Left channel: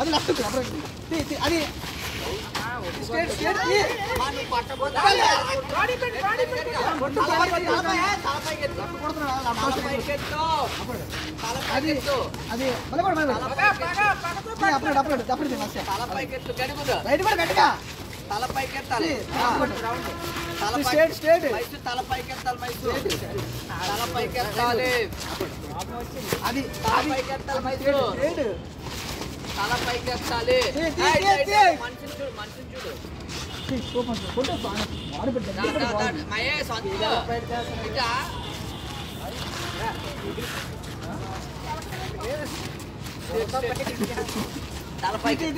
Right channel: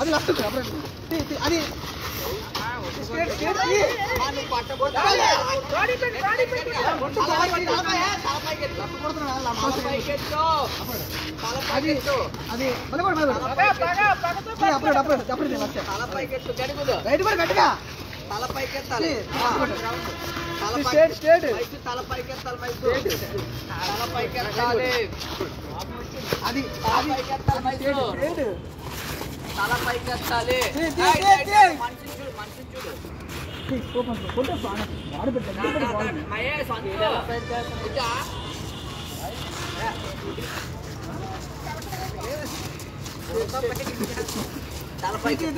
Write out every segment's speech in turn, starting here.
అది లెఫ్ట్ అది తలపైకెత్తాలి తలపైకెత్తాలి అది తలపైకెత్తాలి మహేష్ తలపైకి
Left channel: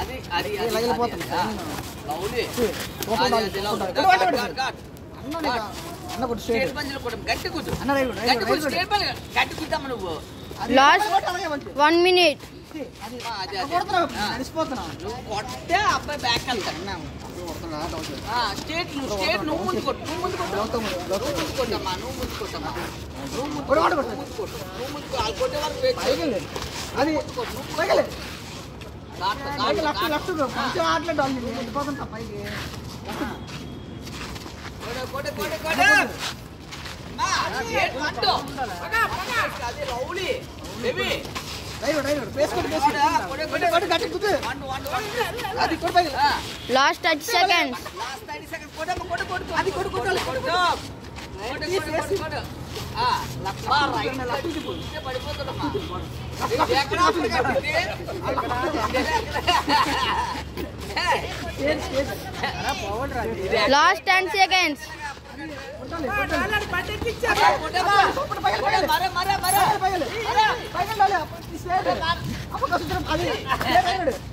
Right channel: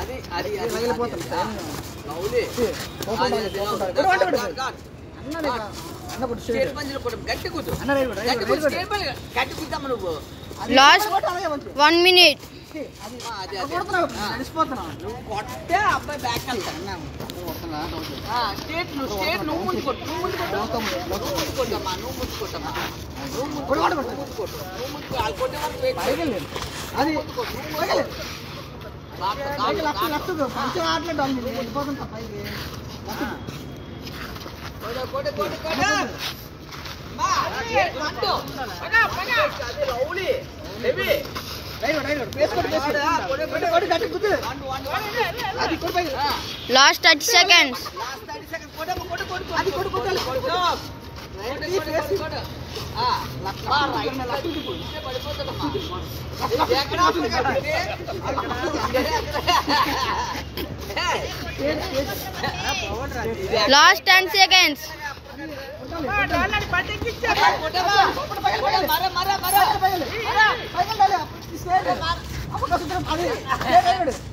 అది అది లాస్ట్ 1 minute. నువ్వు కొట్టే అబ్బాయి బ్యాక్ వెళ్తాడు స్టేట్ నువ్వు ముందు కొట్టు నువ్వు ముందు కొట్టమ్మా నువ్వు ముందు కొట్టమ్మా నువ్వు ముందు కొట్టు వాళ్ళు కొట్టే వరకు Last 30 seconds. Last 10 seconds. Mara.